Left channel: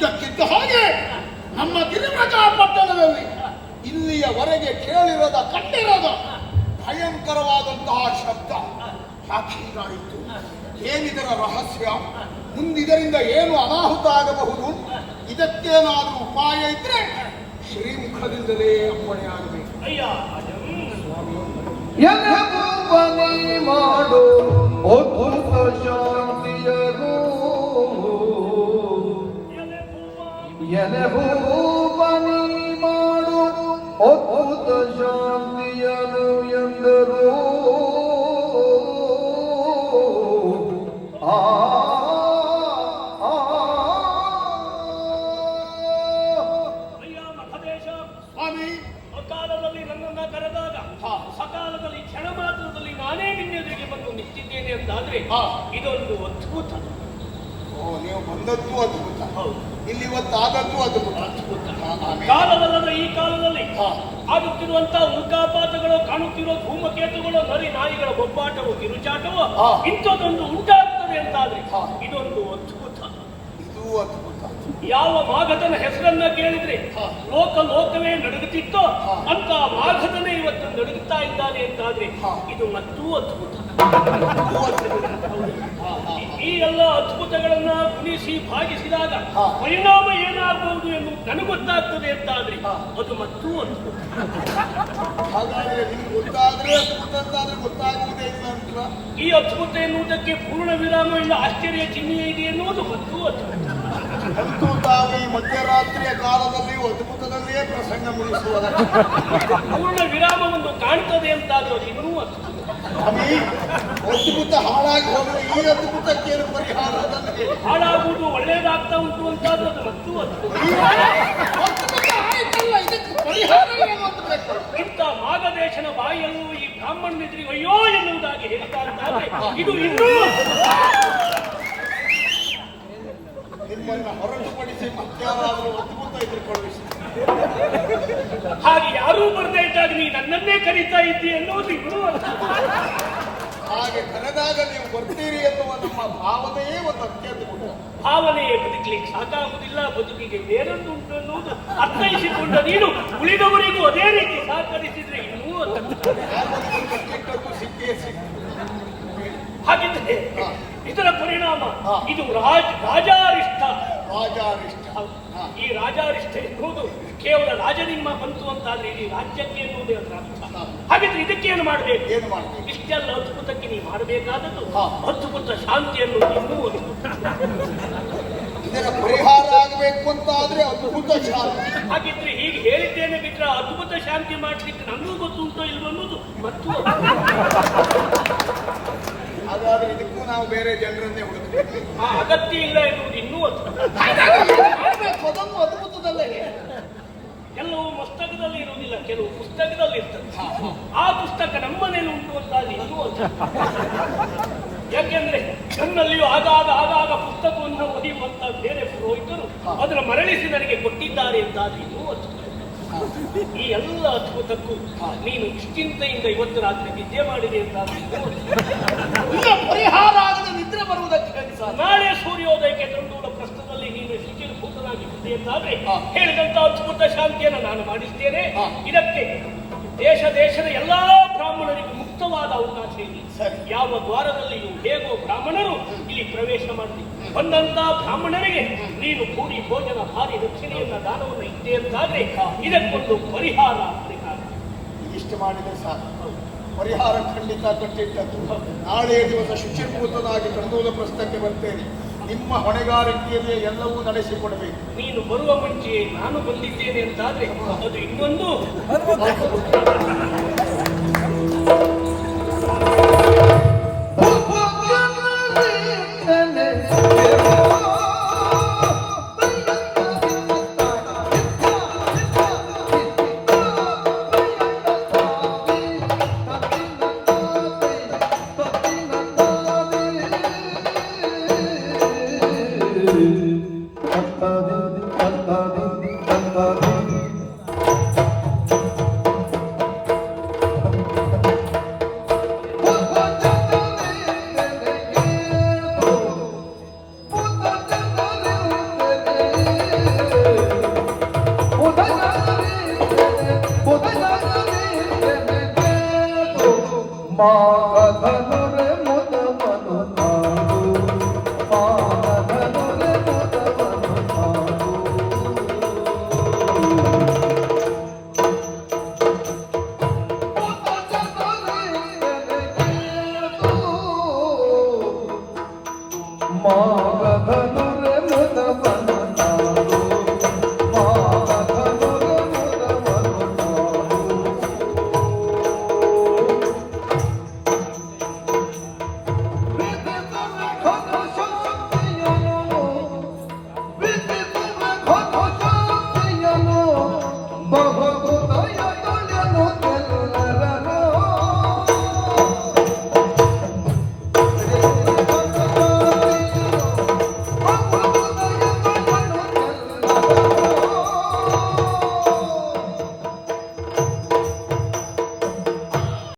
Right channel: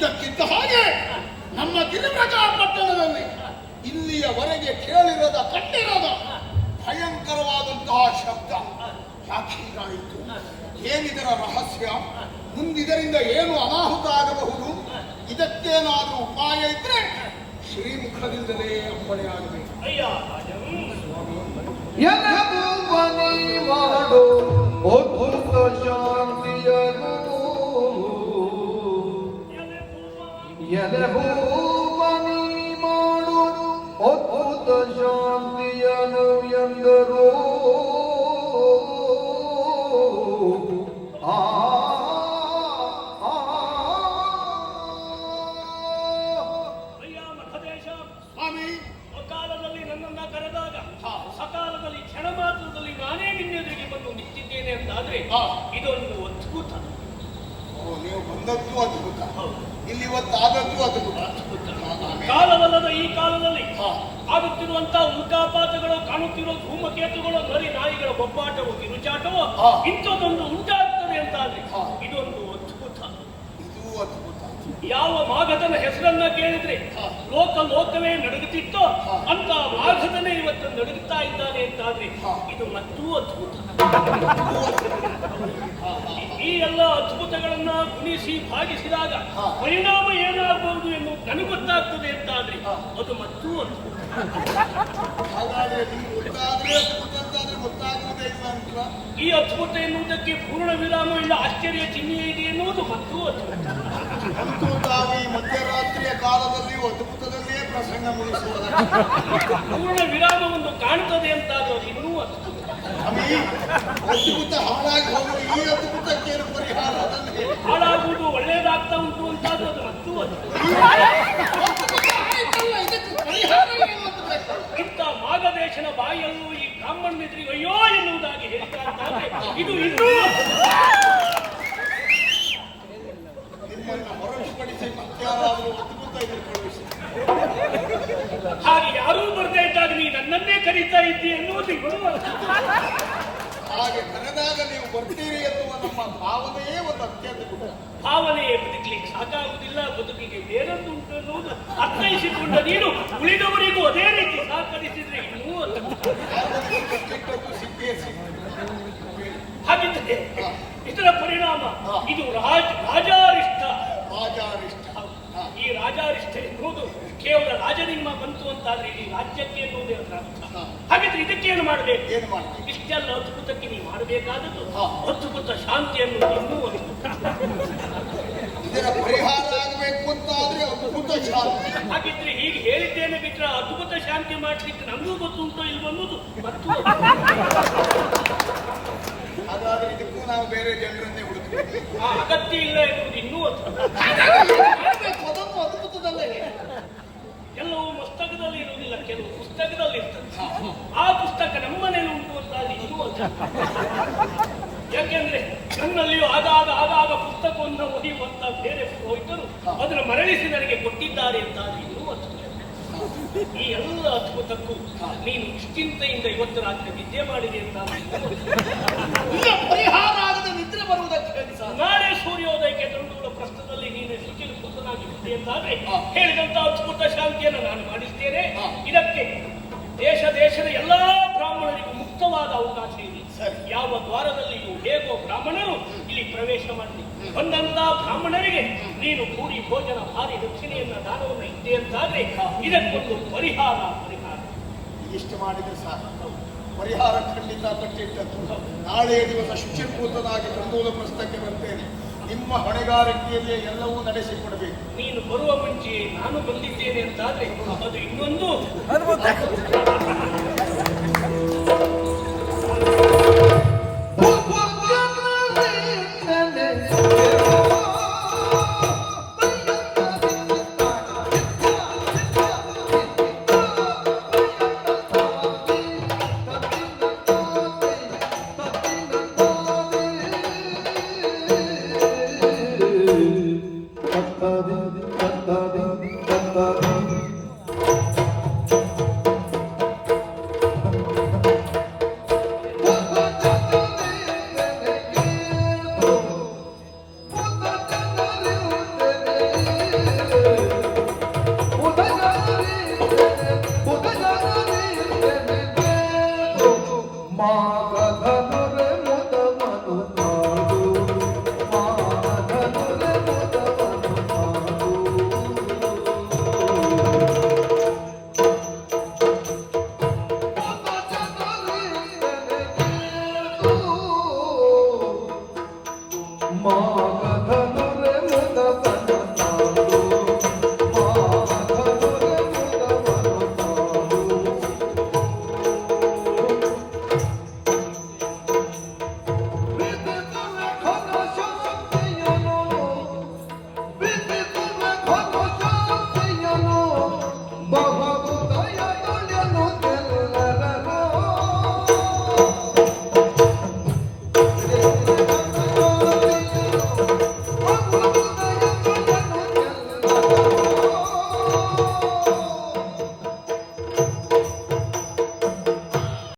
ಇದ್ದಕ್ಕಿದ್ದ ಹಾಗೆ ನಮ್ಮ ಗಿರಿಮೃಗ ಪಟ್ಟಣದಲ್ಲಿ ಇಲ್ಲಿಯವರೆಗೆ ಕೇಳಿರದ ಕಂಡಿರದ ಭಯಂಕರವಾದಂತಹ ಶಬ್ದ ಸಾಕ್ಷಿಗಾಯಿತು. ಏನಿದರ ರಹಸ್ಯ? ಮುಂದಿದರಿಂದ ಏನು ಅನಾಹುತ ಆಗಬಹುದು? ಇದಕ್ಕೇನಾದರೂ ಉಪಾಯ ಇದ್ರೆ ಶ್ರೀಮುಖದಿಂದಲೇ ಅಪ್ಪಣೆಯಾಗಬೇಕು. ಮಾಡು ಅದ್ಭುತ ಶಾಂತಿಯನು ಎಲೆಭೂಪನಿ ಮಾಡು ಅದ್ಭುತ ಶಾಂತಿಯನು ಎಂದರು. ಅಕಾಲದಲ್ಲಿ ನನ್ನನ್ನ ಕರೆದಾಗ ಸಕಾಲದಲ್ಲಿ ಕ್ಷಣ ಮಾತ್ರದಲ್ಲಿ ನಾನೇ ನಿನ್ನೆದುರಿಗೆ ಬಂದು ನಿಂತಿದ್ದೇನೆ ಅಂತಾದ್ರೆ ಇದೊಂದು ಅದ್ಭುತ. ನೀವು ಬಂದದ್ದು ಅದ್ಭುತ, ಇಲ್ಲಿ ಇವತ್ತಾದದ್ದು ಅದ್ಭುತ. ಕಾಲವಲ್ಲದ ಈ ಕಾಲದಲ್ಲಿ ಆಗುತ್ತಿರುವಂತಹ ಉಲ್ಕಾಪಾತಗಳು, ಕಾಣುತ್ತಿರುವ ಧೂಮಕೇತುಗಳು, ನರಿ ನಾಯಿಗಳ ಬೊಬ್ಬಾಟವು, ಕಿರುಚಾಟವು ಇಂಥದ್ದೊಂದು ಉಂಟಾಗ್ತದೆ ಅಂತಾದ್ರೆ ಇದೊಂದು ಅದ್ಭುತ. ಇದು ಅದ್ಭುತ. ಯಾವ ಮಾಘದನ ಹೆಸರನ್ನ ಕೇಳಿದ್ರೆ ಲೋಕವೇ ನಡುಗುತ್ತಿತ್ತೋ ಅಂತ ಮಾಘದನೇ ಇವತ್ತು ನಡುಗುತ್ತಾ ಇದ್ದಾನೆ ಅಂತಾದ್ರೆ ಇದು ಮತ್ತೂ ಅದ್ಭುತ. ಈ ಎಲ್ಲ ಅದ್ಭುತಗಳನ್ನ ಗುಣಿಸಿ ಭಾಗಿಸಿದಾಗ ಪರಿಣಾಮ ಏನಾಗಬಹುದು ಎಂದು ನನಗೊತ್ತಾಗ್ತದೆ ಅಂತಾದ್ರೆ ಅದು ಮತ್ತೂ ಅದ್ಭುತ. ಹಾಗಾದ್ರೆ ನಿಮ್ಗೆ ಗೊತ್ತಾದ್ರೆ ಅದ್ಭುತ ಅಂತಾದ್ರೆ ಗೊತ್ತಾಗುವುದೇ ಇಲ್ಲ ಅಂತ. ಈ ಅದ್ಭುತ ಎನ್ನುವುದಕ್ಕೆ ಪೂರ್ಣ ವಿರಾಮ ಇಲ್ಲ, ಆಶ್ಚರ್ಯ ಚಿಹ್ನೆ ಇದೆ ಎನ್ನುವುದು ಮತ್ತೂ ಅದ್ಭುತ. ಅಂತೂ ತಾವು ಈ ಮಧ್ಯರಾತ್ರಿಯ ಕಾಲದಲ್ಲಿ ಅದ್ಭುತದಲ್ಲಿಯೇ ಪ್ರಸಂಗ ಮುಗಿಸುವುದ ಪೂರ್ಣ ವಿರಾಮವನ್ನು ಕಾಣ್ತದೆ ಅಂತಾದ್ರೆ ಅದು ಇನ್ನೂ ಅದ್ಭುತ. ಅದ್ಭುತ ಹಾಳಾಗಿ ಹೋದ್ರೆ ಈ ಅದ್ಭುತಕ್ಕೇನು ಪರಿಹಾರ? ಅದನ್ನು ಹೇಳಿ. ಹಾಳಾಗುವುದು ಒಳ್ಳೇದಾಗ್ತಾ ಉಂಟು ಅಂತಾದ್ರೆ ಅದು ಮತ್ತೂ ಅದ್ಭುತ. ಇಂಥ ಮಾಘದೇಶನ ಬಾಯಿಯಲ್ಲೂ ಈ ಬ್ರಾಹ್ಮಣನಿದ್ರಿಗೆ ಅಯ್ಯೋ ಎನ್ನುವುದಾಗಿ ಹೇಳ್ತಾ ಇದ್ದಾರೆ. ಇದು ಇನ್ನೂ ನಿಮ್ಮನ್ನ ಹೊರತುಪಡಿಸಿ ಮತ್ತಾರಾದರೂ ಅದ್ಭುತ ಎದುರುಕೊಳ್ಳಿಸಿ. ಹಾಗೆ ಯಾರೂ ಬರದೇ ಇದ್ದಾಗ ನೀ ನನ್ನನ್ನೇ ಕರೀತಾ ಇದ್ದೀ ಎನ್ನುವುದು ಇನ್ನೂ ಹಾಗೆ ಕರೆದಾಗ ನೀವು ಬರ್ತೀರಿ ಎನ್ನುವ ನಮ್ಮ ಭಾವನೆಯೇ ಒಂದು ಅತ್ಯದ್ಭುತ. ಭಾವನೆಯೇ ಬದುಕಲಿಕ್ಕೆ ಸಾಕಾಗುವುದಿಲ್ಲ, ಬದುಕಿಗೆ ಬೇರೊಂದು ಉಂಟು ಎನ್ನುವುದು ಅರ್ಥೈಸಿಕೊಂಡ ನೀನು ಉಳಿದವರಿಗೂ ಅದೇ ರೀತಿ ಸಹಕರಿಸಿದ್ರೆ ಇನ್ನೂ ಸಿಕ್ಕೇ ಸಿಕ್ಕ. ಹಾಗಿದ್ರೆ ಇದರ ಪರಿಣಾಮ ಇದು ರಾಜಾರಿಷ್ಠ. ಈ ರಾಜಾರಿಷ್ಠ ಎನ್ನುವುದು ಕೇವಲ ರಾಜನಿಂದ ಬಂತು ಅಂತಾದ್ರೆ ಇಡೀ ರಾಜ್ಯಕ್ಕೆ ಎನ್ನುವುದೇ ಅರ್ಥ. ಹಾಗಿದ್ರೆ ಇದಕ್ಕೇನು ಮಾಡಬೇಕು? ಇಷ್ಟೆಲ್ಲ ಅದ್ಭುತಕ್ಕೆ ನೀವು ಮಾಡಬೇಕಾದದ್ದು ಅದ್ಭುತ ಶಾಂತಿಯನ್ನು ಇನ್ನೂ ಇದರ ಪರಿಹಾರ ಆಗಬೇಕು ಅಂತ ಆದ್ರೆ ಅದ್ಭುತ ಶಾಂತಿ. ಹಾಗಿದ್ರೆ ಹೀಗೆ ಹೇಳಿದ್ದೇನೆ ಬಿಟ್ರೆ ಅದ್ಭುತ ಶಾಂತಿ ಮಾಡ್ಲಿಕ್ಕೆ ನಮಗೂ ಗೊತ್ತುಂಟೋ ಇಲ್ವೋ ಅನ್ನೋದು ಮತ್ತು ಹಾಗಾದ್ರೆ ಇದಕ್ಕೂ ನಾವು ಬೇರೆ ಜನರನ್ನೇ ಹುಡುಕಬೇಕು. ಅಗತ್ಯ ಇಲ್ಲ ಎನ್ನುವುದು ಇನ್ನೂ ಅದ್ಭುತದಲ್ಲೇ ಕೆಲವು ಪುಸ್ತಕದಲ್ಲಿ ಇರುವುದಿಲ್ಲ, ಕೆಲವು ಪುಸ್ತಕದಲ್ಲಿ ಇರ್ತದೆ. ಆ ಪುಸ್ತಕ ನಮ್ಮನೇಲಿ ಉಂಟು ಅಂತ ಇನ್ನೂ ಯಾಕೆಂದ್ರೆ ನನ್ನಲ್ಲಿಯೂ ಆಗಾಗ ಪುಸ್ತಕವನ್ನು ಓದಿಯುವಂತ ಬೇರೆ ಪುರೋಹಿತರು ಅದನ್ನು ಮರಳಿಸಿ ನನಗೆ ಕೊಟ್ಟಿದ್ದಾರೆ ಅಂತಾದ್ರೆ ಇನ್ನೂ ಈ ಎಲ್ಲ ಅದ್ಭುತಕ್ಕೂ ನೀನು ನಿಶ್ಚಿಂತೆಯಿಂದ ಇವತ್ತು ರಾತ್ರಿ ನಿದ್ದೆ ಮಾಡಿದೆ ಅಂತಾದ್ರೆ ಪರಿಹಾರ ಆಗದೆ ನಿದ್ರೆ ಬರುವುದಕ್ಕೆ ನಾಳೆ ಸೂರ್ಯೋದಯಕ್ಕೆ ತಂದೂಳ ಪ್ರಸ್ತುತದಲ್ಲಿ ನೀನು ಶಿಥಿಲಭೂತನಾಗಿದ್ದೆ ಅಂತಾದ್ರೆ ಹೇಳಿದಂತ ಅದ್ಭುತ ಶಾಂತಿಯನ್ನು ನಾನು ಮಾಡಿಸ್ತೇನೆ. ಇದಕ್ಕೆ ದೇಶದ ಎಲ್ಲಾ ಬ್ರಾಹ್ಮಣರಿಗೂ ಮುಕ್ತವಾದ ಅವಕಾಶ ಇದೆ. ಯಾವ ದ್ವಾರದಲ್ಲಿಯೂ ಹೇಗೋ ಬ್ರಾಹ್ಮಣರು ಇಲ್ಲಿ ಪ್ರವೇಶ ಮಾಡಲಿ. ಬಂದಂತ ಬ್ರಾಹ್ಮಣರಿಗೆ ನೀನು ಕೂಡಿ ಭೋಜನ ಭಾರಿ ದಕ್ಷಿಣೆಯನ್ನ ದಾನವನ್ನು ಇದ್ದೆ ಅಂತಾದ್ರೆ ಇದಕ್ಕೊಂದು ಪರಿಹಾರ. ಇಷ್ಟು ಮಾಡಿದ್ರೆ ಸಾಕು, ಪರಿಹಾರ ಖಂಡಿತ ಕಟ್ಟಿಟ್ಟದ್ದು. ನಾಳೆ ದಿವಸ ಶುಚಿರ್ಭೂತನಾಗಿ ತಂದೂಲ ಪ್ರಸ್ತಕ್ಕೆ ಬರ್ತೇನೆ. ನಿಮ್ಮ ಹೊಣೆಗಾರಿಕೆಯಲ್ಲಿ ಎಲ್ಲವೂ ನಡೆಸಿಕೊಡಬೇಕು. ನೀನು ಬರುವ ಮುಂಚೆ ನಾನು ಬಂದಿದ್ದೇನೆ ಅಂತಾದ್ರೆ ಅದು ಇನ್ನೊಂದು